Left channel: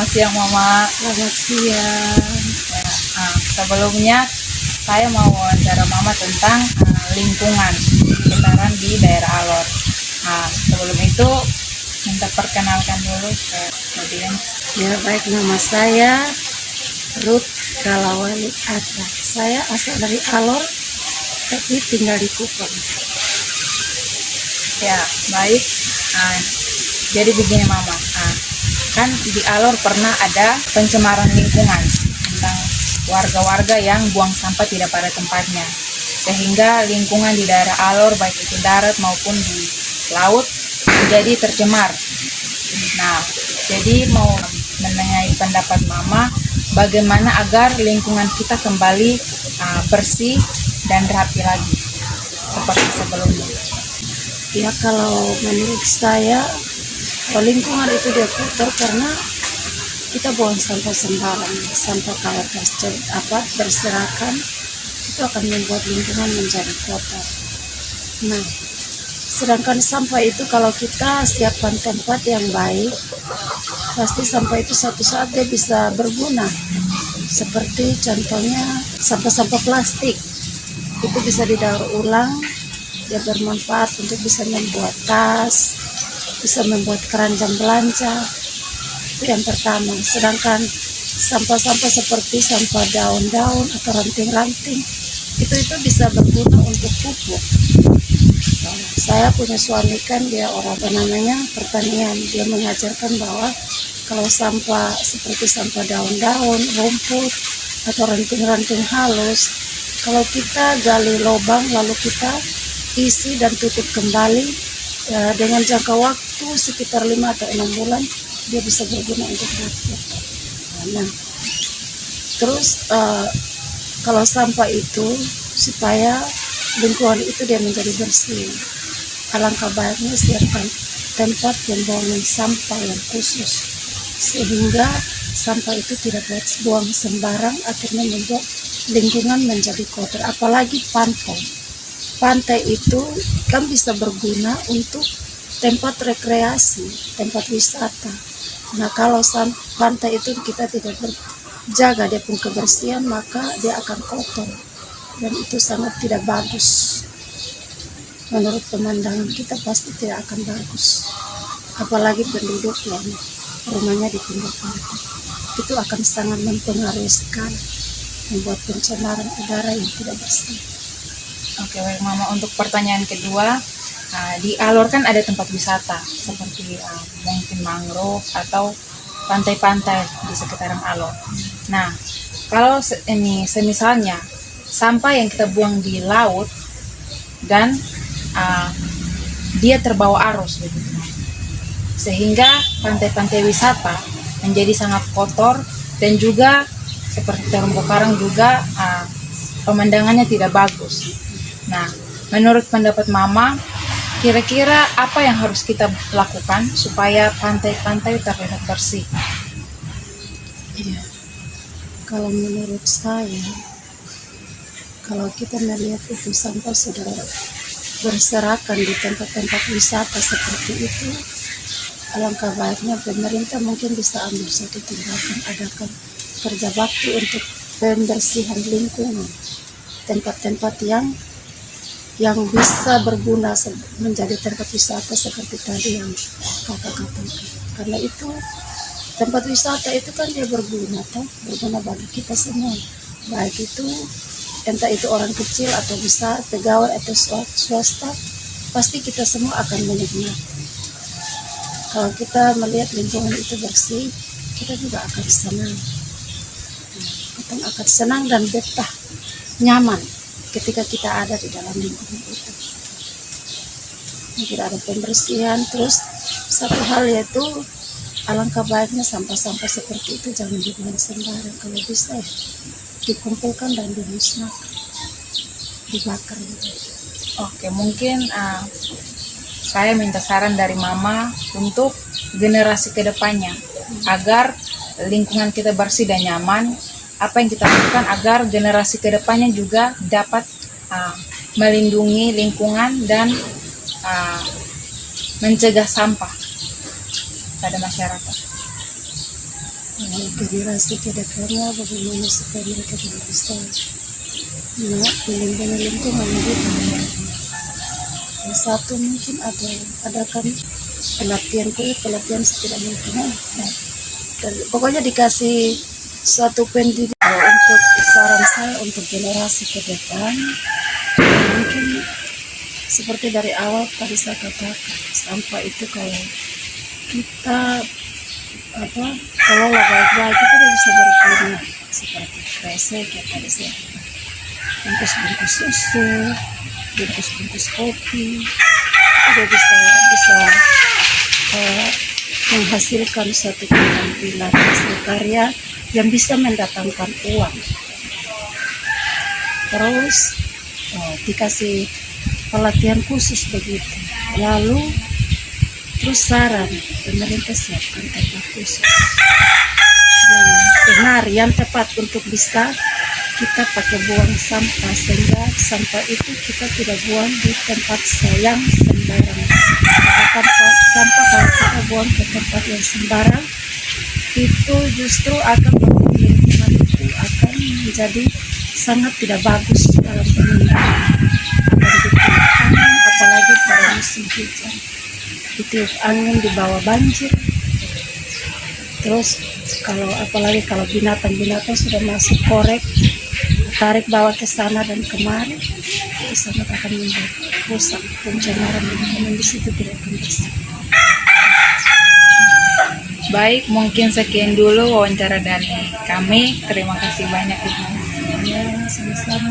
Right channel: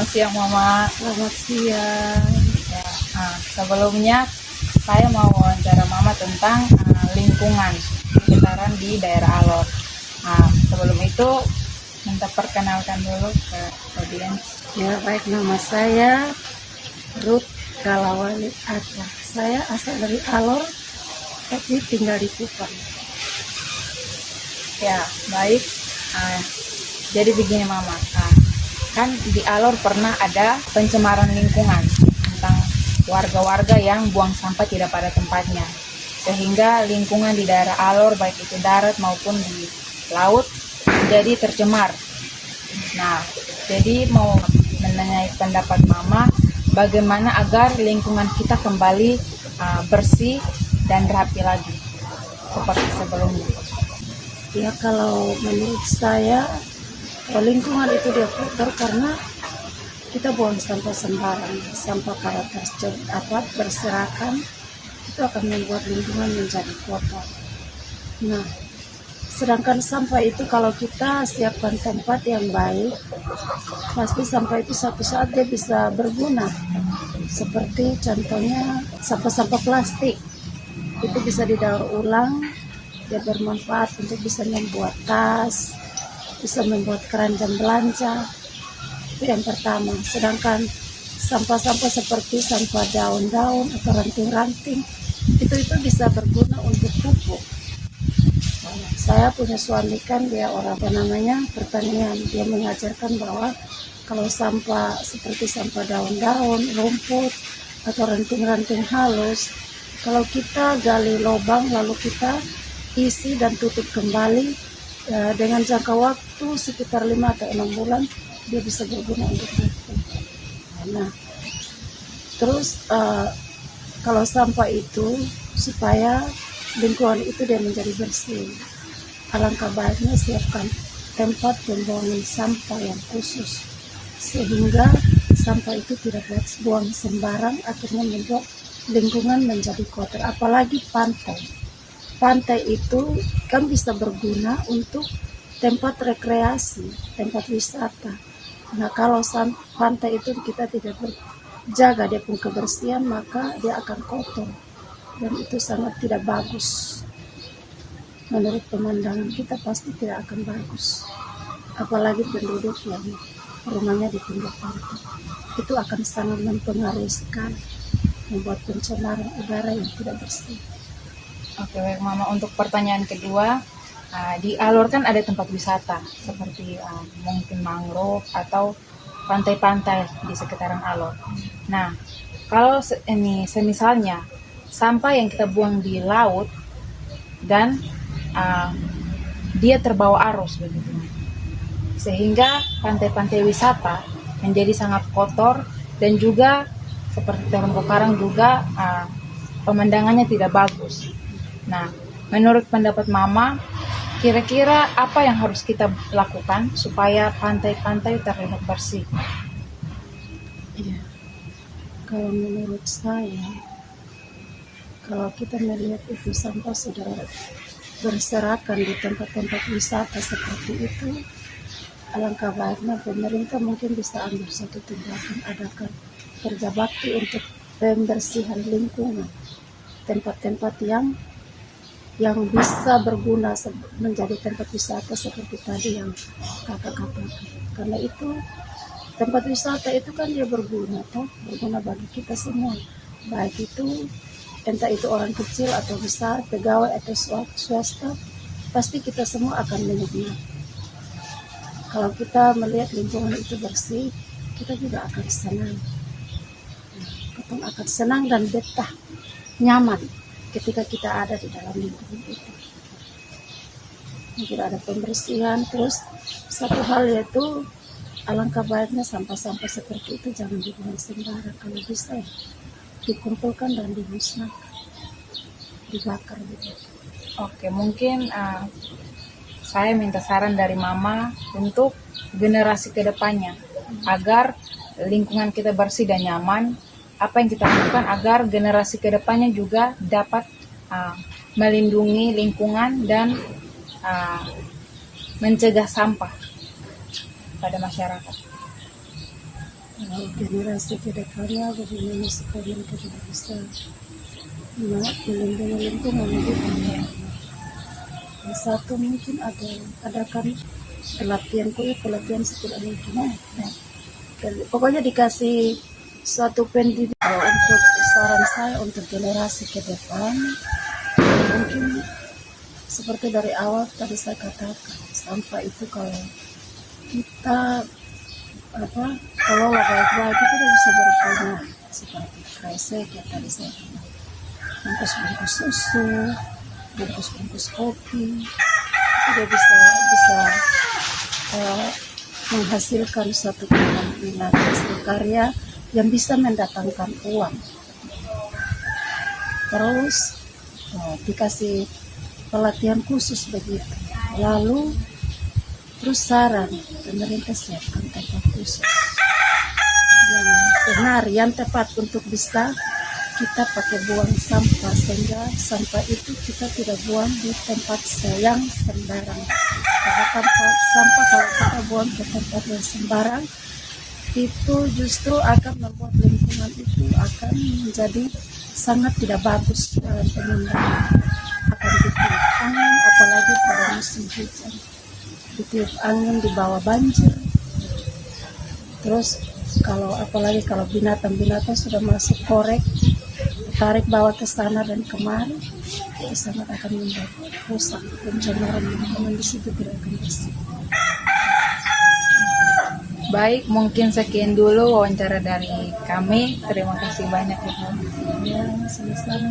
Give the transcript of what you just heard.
Selamat siang Mama. Selamat siang. Ya, sebelumnya saya mau wawancara Mama tentang lingkungan sekitaran di daerah Alor. Sebelum itu minta perkenalkan dulu ke audiens. Ya, baik, nama saya Ruth Kalawari Atra. Saya asal dari Alor, tapi tinggal di Kupang. Ya, baik. Jadi begini Mama, kan di Alor pernah ada pencemaran lingkungan tentang warga-warga yang buang sampah tidak pada tempatnya, sehingga lingkungan di daerah Alor baik itu darat maupun di laut menjadi tercemar. Nah, jadi mau menanyai pendapat Mama bagaimana agar lingkungan kita kembali bersih dan rapi lagi seperti sebelumnya. Ya, kalau menurut saya, lingkungan itu dia kotor karena kita buang sampah sembarang. Sampah kalau berserakan itu akan membuat lingkungan menjadi kotor. Nah, sedangkan sampah itu kalau kita siapkan tempat yang baik, pasti sampah itu suatu saat dia bisa berguna. Seperti contohnya sampah-sampah plastik, itu bisa didaur ulang, dia bermanfaat untuk bisa membuat tas, bisa membuat keranjang belanja. Itu yang pertama. Sedangkan sampah-sampah seperti sampah daun-daun atau ranting-ranting itu bisa berguna untuk pupuk. Saya punya suami kan dia orang pertanian. Dia mengajarkan bahwa kalau sampah seperti sampah daun-daun, rumput atau ranting-ranting halus, kalau kita gali lubang lalu kita isi dan tutup kembali, ya, dengan jangka waktu sekitar 5 atau 6 bulan dia bisa berguna untuk rakyat. Nah, terus kalau sampah itu supaya lingkungan itu dia menjadi bersih, alangkah baiknya siapkan tempat pembuangan sampah yang khusus sehingga sampah itu tidak buang sembarang, akhirnya membuat lingkungan menjadi kotor. Apalagi pantai itu kan bisa berguna untuk tempat rekreasi, tempat wisata. Nah, kalau pantai itu kita tidak jaga dia pun kebersihan, maka dia akan kotor dan itu sangat tidak bagus. Menurut pemandangan kita pasti tidak akan bagus. Apalagi penduduk yang rumahnya di pinggir pantai, itu akan sangat mempengaruhi sekali, membuat pencemaran udara yang tidak bersih. Oke, baik Mama. Untuk pertanyaan kedua, di Alor kan ada tempat wisata seperti mungkin mangrove atau pantai-pantai di sekitaran Alor. Nah, kalau semisalnya sampah yang kita buang di laut dan dia terbawa arus begitu, sehingga pantai-pantai wisata menjadi sangat kotor dan juga seperti terumbu karang juga pemandangannya tidak bagus. Nah, menurut pendapat Mama, kira-kira apa yang harus kita lakukan supaya pantai-pantai terlihat bersih? Iya, kalau menurut saya, kalau kita melihat itu sampah sudah berserakan di tempat-tempat wisata seperti itu, alangkah baiknya pemerintah mungkin bisa ambil satu tindakan, adakan kerja bakti untuk pembersihan lingkungan, tempat-tempat yang bisa berguna menjadi tempat wisata seperti tadi yang kakak katakan. Karena itu tempat wisata itu kan dia berguna bagi kita semua, baik itu entah itu orang kecil atau besar, pegawai atau swasta, pasti kita semua akan menikmati. Kalau kita melihat lingkungan itu bersih, kita juga akan senang. Kita akan senang dan betah, nyaman ketika kita ada di dalam lingkungan itu. Tidak ada pembersihan. Terus satu hal yaitu alangkah baiknya sampah-sampah seperti itu jangan dibuang sembarang. Kalau bisa ya dikumpulkan dan dimusnahkan, dibakar gitu. Oke, mungkin saya minta saran dari Mama untuk generasi kedepannya agar lingkungan kita bersih dan nyaman. Apa yang kita lakukan agar generasi kedepannya juga dapat melindungi lingkungan dan mencegah sampah pada masyarakat. generasi ke depannya bagaimana supaya mereka tidak bisa melindungi lingkungan gitu. Yang satu mungkin ada kan pelatihan setidak mungkin. Pokoknya dikasih suatu pendidikan untuk saran saya untuk generasi ke depan, mungkin seperti dari awal tadi saya katakan, sampah itu kalau kita kelola baik-baik itu dia bisa berguna seperti kresek kita bisa bungkus-bungkus susu, bungkus-bungkus kopi, itu dia bisa menghasilkan suatu keterampilan hasil karya yang bisa mendatangkan uang. Terus dikasih pelatihan khusus begitu. Lalu terus saran pemerintah siapkan tempat khusus dan hari yang tepat untuk bisa kita pakai buang sampah, sehingga sampah itu kita tidak buang di tempat yang sembarang. Sampah kalau kita buang ke tempat yang sembarang itu justru akan membuat lingkungan itu akan menjadi sangat tidak bagus dalam pemilihan. Angin, apalagi pada musim hujan, ditiup angin dibawa banjir. Terus apalagi kalau binatang-binatang sudah masuk korek, tarik bawa ke sana dan kemari, itu sangat akan rusak pencemaran lingkungan di situ tidak akan bisa. Baik, mungkin sekian dulu wawancara dari kami. Terima kasih banyak Ibu. Ya, sama-sama.